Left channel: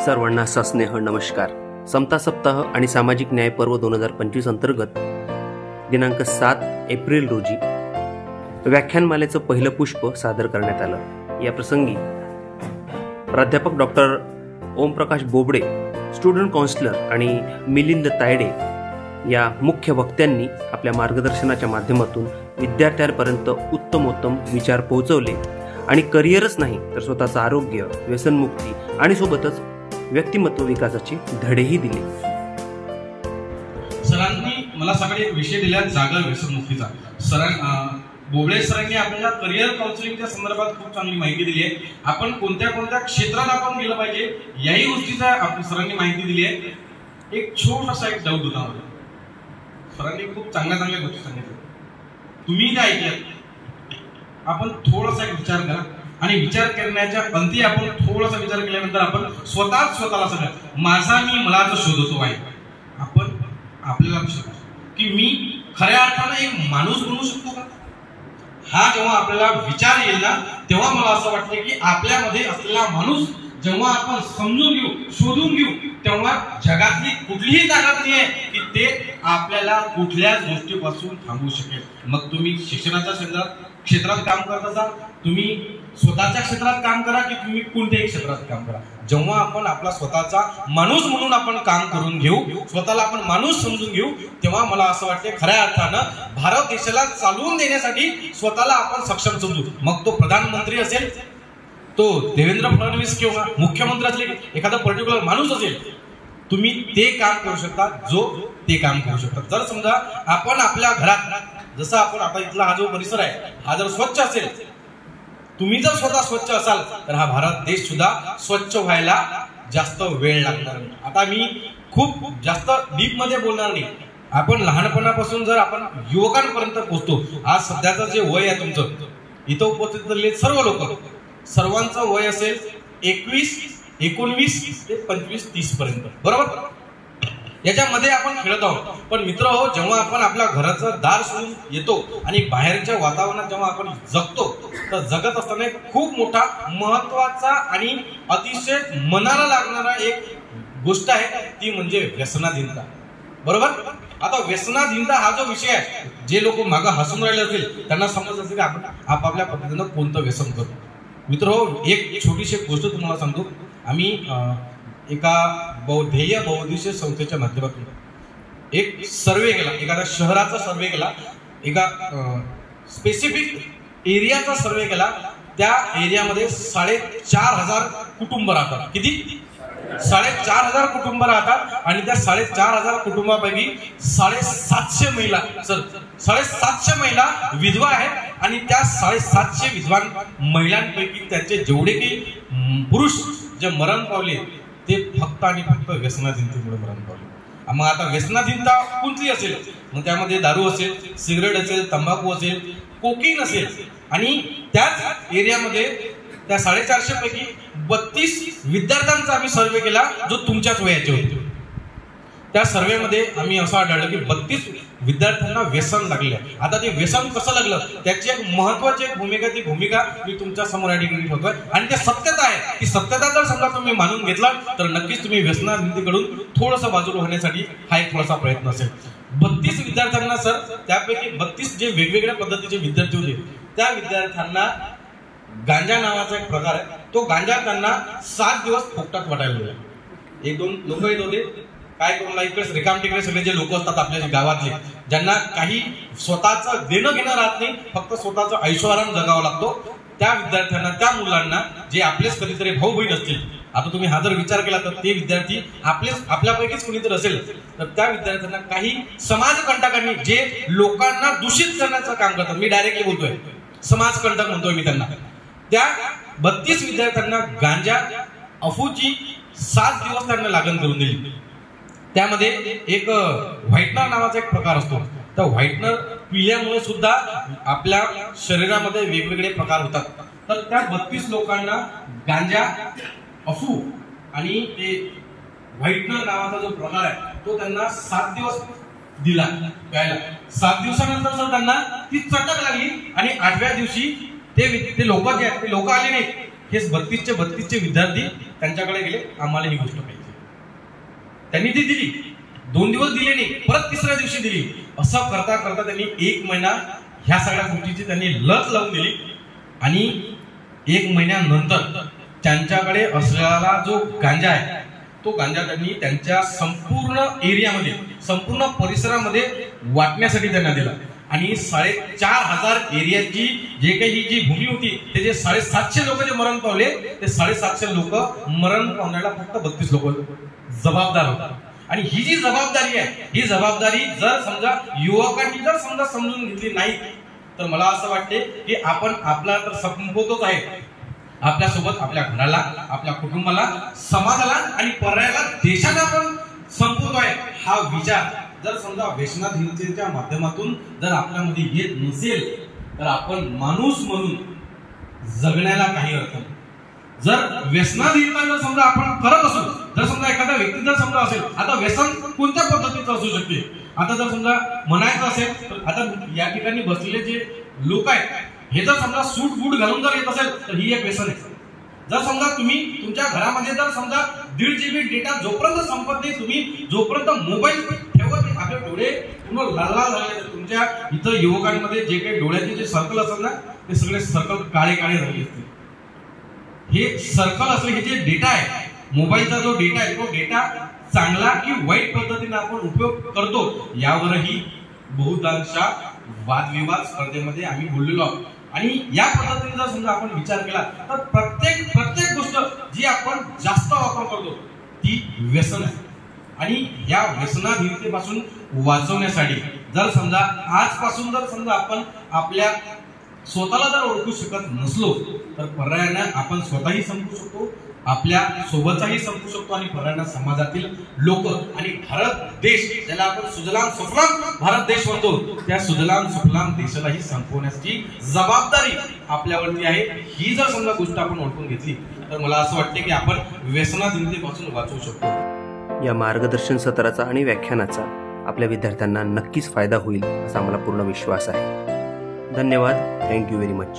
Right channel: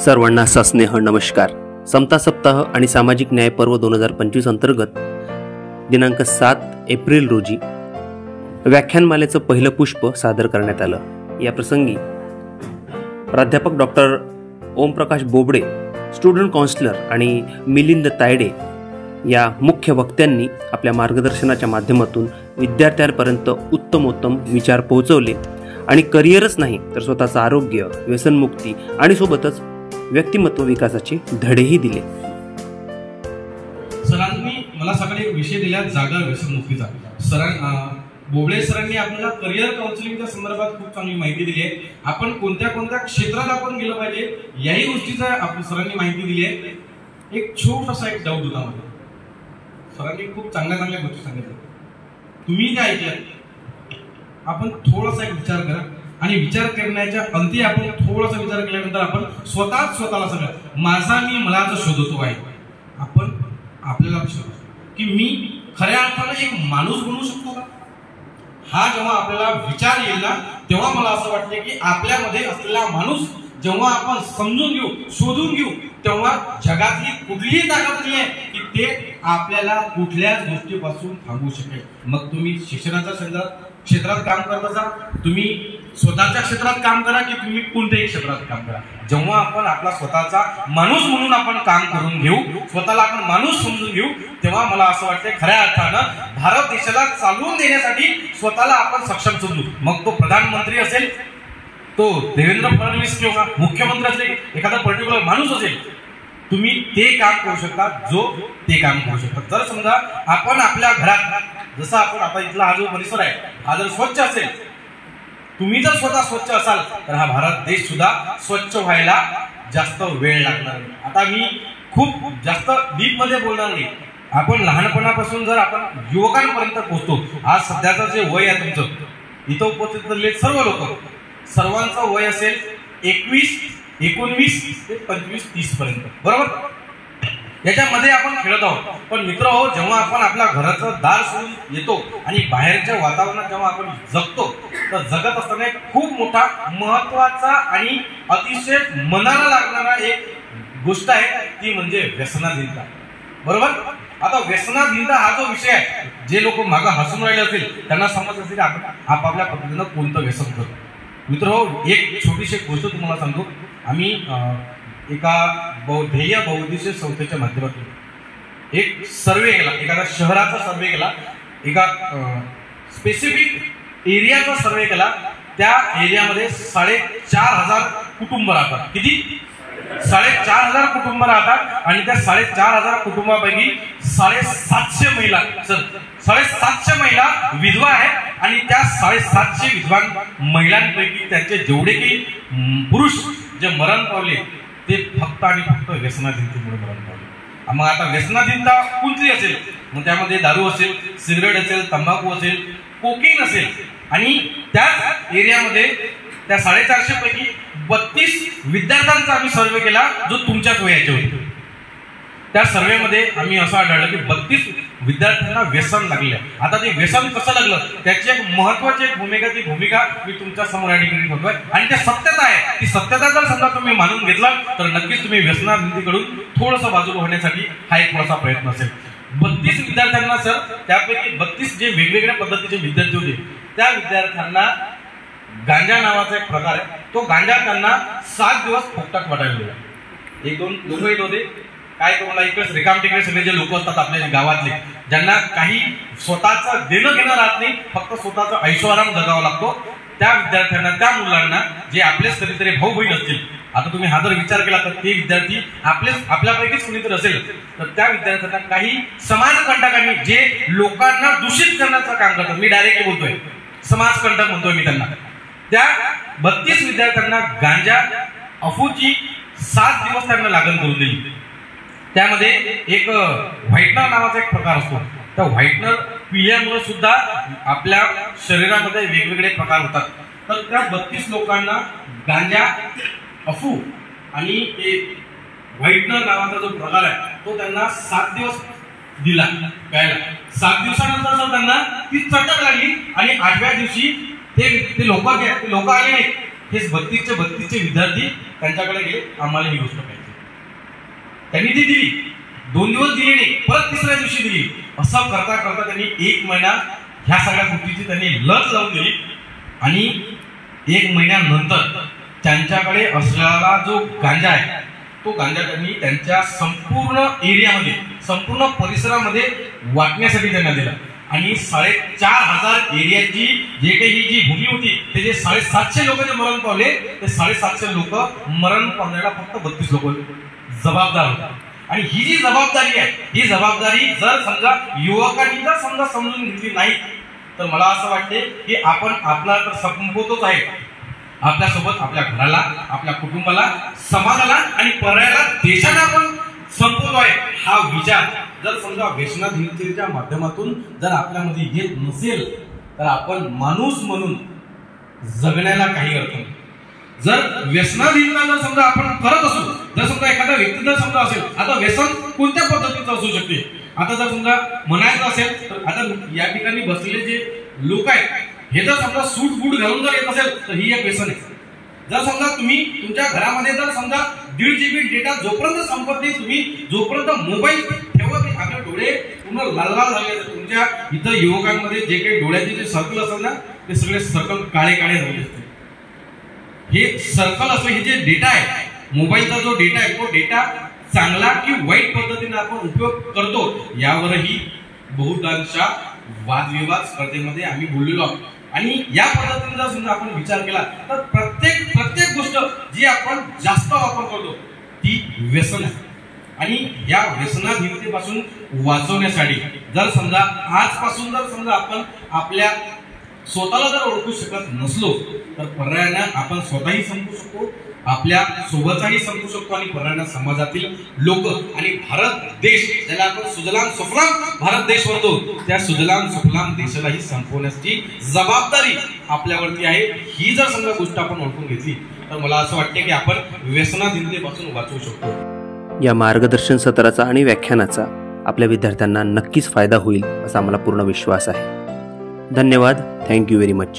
सर्वांना सस्नेह नमस्कार. समता सप्ताह आणि सामाजिक न्याय पर्व 2025 अंतर्गत दिनांक 7 एप्रिल रोजी व्याख्यानमालेचं पहिलं पुष्प सादर करण्यात आलं. या प्रसंगी प्राध्यापक doctor Omprakash Bobde, student counsellor आणि मिलिंद तायडे या मुख्य वक्त्यांनी आपल्या मार्गदर्शनाच्या माध्यमातून विद्यार्थ्यांपर्यंत उत्तमोत्तम विचार पोहोचवले आणि करिअरच नाही तर स्वतःचं आरोग्य, व्यसनमुक्ती आणि सोबतच व्यक्तिमत्व विकासाचे धडेही दिले. सरांनी मला सकाळी विषय दिला जागर व्यसनमुक्तीचा. बोबडे सरांनी आपल्याला करिअर काउन्सिलिंगच्या संदर्भात खूप चांगली माहिती दिली आहे. आपण कोणत्या कोणत्या क्षेत्रात आपण गेलं पाहिजे याही गोष्टीचा सरांनी माहिती दिली आहे. एक छोटासा एक डाऊट होता मला. सरांनी खूप चांगल्या गोष्टी सांगितल्या, तुम्ही त्या ऐकल्यात. आपण थोडासा एक विचार करा आणि विचार करण्याच्या अंती आपण थोडासा विचार केल्यानंतर आपण स्वतःला सांगा, माझा मी मलाच शोधतो आहे. आपण आपल्याला शोधतो की मी खऱ्या अर्थानं एक माणूस बनवू शकतो का? हा जेव्हा आपल्याला विचार येईल ना, तेव्हा मला असं वाटतं की आपल्यामध्ये असलेला माणूस जेव्हा आपण समजून घेऊ, शोधून घेऊ, तेव्हा जगातली कुठलीही ताकद नाही आहे की ते आपल्याला कुठल्याच गोष्टीपासून थांबवू शकेल. मग तुम्ही शिक्षणाच्या क्षेत्रात काम करत असाल, तुम्ही स्वतःच्या क्षेत्रात काम करा की तुम्ही कोणत्याही क्षेत्रात काम करा, जेव्हा आपण आपला स्वतःचा माणूस म्हणून आपण काम करून घेऊ, स्वतःला आपण माणूस समजून घेऊ, तेव्हा मला असं वाटतं खऱ्या अर्थानं भारत देशाला चालवून देण्यासाठी स्वतःला आपण सक्षम समजू. मग तो प्रधानमंत्री असेल, तो देवेंद्र फडणवीस किंवा मुख्यमंत्री असेल, एखादा पर्टिक्युलर माणूस असेल, तुम्ही ते काम करू शकता जो ते काम करू शकता. जर समजा आपण आपल्या घरात, जसं आपण आता इथला हा जो परिसर आहे हा जर स्वच्छ असेल, तुम्ही जर स्वतः स्वच्छ असाल तर हा भारत देश सुद्धा स्वच्छ व्हायला जास्त वेळ लागणार नाही. आता मी खूप जास्त डीप मध्ये बोलणार नाही. आपण लहानपणापासून जर आपण युवकांपर्यंत पोहोचतो, आज सध्याचं जे वय आहे तुमचं, इथं उपस्थित असलेले सर्व लोक, सर्वांचं वय असेल 21, 19 ते 25, 30 पर्यंत, बरोबर? याच्यामध्ये आपण खेळत आहोत. पण मित्र हो, जेव्हा आपण आपल्या घराचं दार सोडून येतो आणि बाहेरच्या वातावरणात जेव्हा आपण जगतो, तर जगत असताना एक खूप मोठा महत्वाचा आणि अतिशय मनाला लागणारा एक गोष्ट आहे, ती म्हणजे व्यसनाधीनता, बरोबर? आता व्यसनाधीनता हा जो विषय आहे, जे लोक मागं हसून राहिले असतील त्यांना समजत असेल की आपण आपापल्या पद्धतीनं कोणतं व्यसन करतो. मित्र हो, एक छोटीशी गोष्ट तुम्हाला सांगतो. आम्ही एका ध्येय बहुउद्देशीय संस्थेच्या माध्यमातून एक सर्वे केला, एखाद्या शहराचा सर्वे केला, एका स्पेसिफिक एरियाचा सर्वे केला. त्या एरियामध्ये 4,500 कुटुंब राहतात. किती? 4,500 कुटुंब राहतात आणि त्या 4,500 कुटुंबापैकी 750 महिला, 750 महिला विधवा आहेत आणि त्या 750 विधवा महिलांपैकी त्यांचे जेवढे काही पुरुष जे मरण पावले ते फक्त आणि फक्त व्यसनाधीनतेमुळे मरण पावले. मग आता व्यसनाधीनता कोणती असेल? मग त्यामध्ये दारू असेल, सिगरेट असेल, तंबाखू असेल, कोकीन असेल. आणि त्याच एरियामध्ये त्या 450 पैकी 32 विद्यार्थ्यांचा आम्ही सर्वे केला जो तुमच्याच वयाचे होते. त्या सर्वेमध्ये आम्ही असं आढळलं की 32 विद्यार्थ्यांना व्यसन लागले. आता ते व्यसन कसं लागलं त्याची एक महत्वाची ती भूमिका मी तुमच्या समोर या ठिकाणी ठेवतोय. आणि ते सत्यता आहे. ती सत्यता जर समजा तुम्ही मानून घेतला तर नक्कीच तुम्ही व्यसनाधीनतेकडून थोडंसं बाजूला होण्यासाठी हा एक थोडासा प्रयत्न असेल. 32 विद्यार्थ्यांना सर, त्यापैकी 32 जे वेगवेगळ्या पद्धतीचे विद्यार्थी होते, त्या विद्यार्थ्यांना गांजा नावाचा एक प्रकार आहे, तो गांजा त्यांना 7 दिवस फुकटात वाटायला लागला. 1-2 लोक येत होते, काय तुम्हाला इकडे रिकाम टिकडे सगळे जे लोक असतात आपल्या गावातले, ज्यांना काही स्वतःचं देणं घेणं राहत नाही, फक्त स्वतःचा ऐशोआराम जगावा लागतो, त्या विद्यार्थ्यांना, त्या मुलांना जे आपलेच कधीतरी भाऊ बहीण असतील, आता तुम्ही हा जर विचार केला तर ते विद्यार्थी आपल्यापैकीच कोणीतरी असेल, तर त्या विद्यार्थ्यांना काही समाजकंटकांनी जे लोकांना दूषित करण्याचं काम करतात, मी डायरेक्टली बोलतोय समाजकंटक म्हणतोय मी त्यांना, त्या 32 विद्यार्थ्यांना गांजा अफूची 7 दिवस त्यांना लागण करून दिली. त्यामध्ये एक व्हाईटनर नावाचा एक प्रकार असतो. त्या व्हाईटनर पिल्यामुळे सुद्धा आपल्या शरीरामध्ये वेगवेगळे प्रकार होतात. तर त्या 32 लोकांना गांजा, अफू आणि व्हाईटनर नावाचा जो प्रकार आहे तो त्यांना 7 दिवस दिला प्यायला. 7 दिवसानंतर जर त्यांना ती चटक लागली आणि 8व्या दिवशी ते लोक आले नाहीत. हे 32चे विद्यार्थी त्यांच्याकडे गेले, आम्हाला ही गोष्ट पाहिजे. त्यांनी ती दिली, 2 दिवस दिली नाही, परत तिसऱ्या दिवशी दिली. असं करता करता त्यांनी 1 महिना ह्या सगळ्या गोष्टीची त्यांनी लत लावून दिली. आणि 1 महिन्यानंतर त्यांच्याकडे असलेला जो गांजा आहे तो गांजा त्यांनी त्यांच्या संपूर्ण एरियामध्ये, संपूर्ण परिसरामध्ये वाटण्यासाठी त्यांना दिला. आणि 4,500 एरियाची जे काही जी भूमी होती त्याचे 750 लोक जे मरण पावले, ते 750 लोक मरण पावण्याला फक्त 32 लोक जबाबदार होते. आणि ही जी जबाबदारी आहे, ही जबाबदारी जर समजा युवकांनी जर समजा समजून घेतली नाही तर मला असं वाटते की आपण आपला तर संपवतोच आहे, आपल्यासोबत आपल्या घराला, आपल्या कुटुंबाला, समाजाला आणि पर्यायाला, देशाला आपण संपवतो आहे. हा विचार जर समजा व्यसनाधीनतेच्या माध्यमातून जर आपल्यामध्ये येत नसेल तर आपण माणूस म्हणून जगण्याला काही अर्थ नाही. जर व्यसनाधीनता जर समजा आपण करत असू, जर समजा एखादा व्यक्ती जर समजा असेल, आता व्यसन कोणत्या पद्धतीचं असू शकते. आता जर समजा म्हणायचं असेल तर आता या ठिकाणी बसलेले जे लोक आहेत हे जर समजा सूट बूट घालून जर येत असेल तर ही एक व्यसन आहे. जर समजा तुम्ही तुमच्या घरामध्ये जर समजा 1.5 GB डेटा जोपर्यंत संपत नाही, तुम्ही जोपर्यंत मोबाईल ठेवत नाही, आपले डोळे पूर्ण लाल लाल झाले. तुमच्या इथं युवकांमध्ये जे काही डोळ्याचे जे सर्कल असतात ना ते सगळे सर्कल काळे काळे झाले असते. हे सर्कल असं, हे जे डेटा आहे, मोबाईलचा जो डेटा आहे, तो डेटा चांगला की वाईट पद्धतीने आपण उपयोग करतो यावरही बहुतांशा वादविवाद स्पर्धेमध्ये आम्ही बोललेलो आहोत. आणि या पद्धतीने जर समजा आपण विचार केला तर प्रत्येक गोष्ट जी आपण जास्त वापर करतो ती व्यसन आहे. आणि या व्यसनाधीनतेपासून वाचवण्यासाठी जर समजा आजपासून जर समजा आपण आपल्या स्वतःला जर ओळखू शकत नसलो तर पर्यायानं आपण स्वतःही संपू शकतो, आपल्या सोबतही संपू शकतो आणि पर्यायानं समाजातील लोक आणि भारत देश, ज्याला आपण सुजलाम सुफलाम भारत देश म्हणतो, त्या सुजलाम सुफलाम देशालाही संपवण्याची जबाबदारी आपल्यावरती आहे. ही जर समजा गोष्ट आपण ओळखून घेतली तर मला असं वाटते की आपण व्यसनाधीनतेपासून वाचवू शकतो. या मार्गदर्शन सत्राचा आणि व्याख्यानाचा आपल्या विद्यार्थ्यांना नक्कीच फायदा होईल असा आम्हाला पूर्ण विश्वास आहे. धन्यवाद. Thank you very much.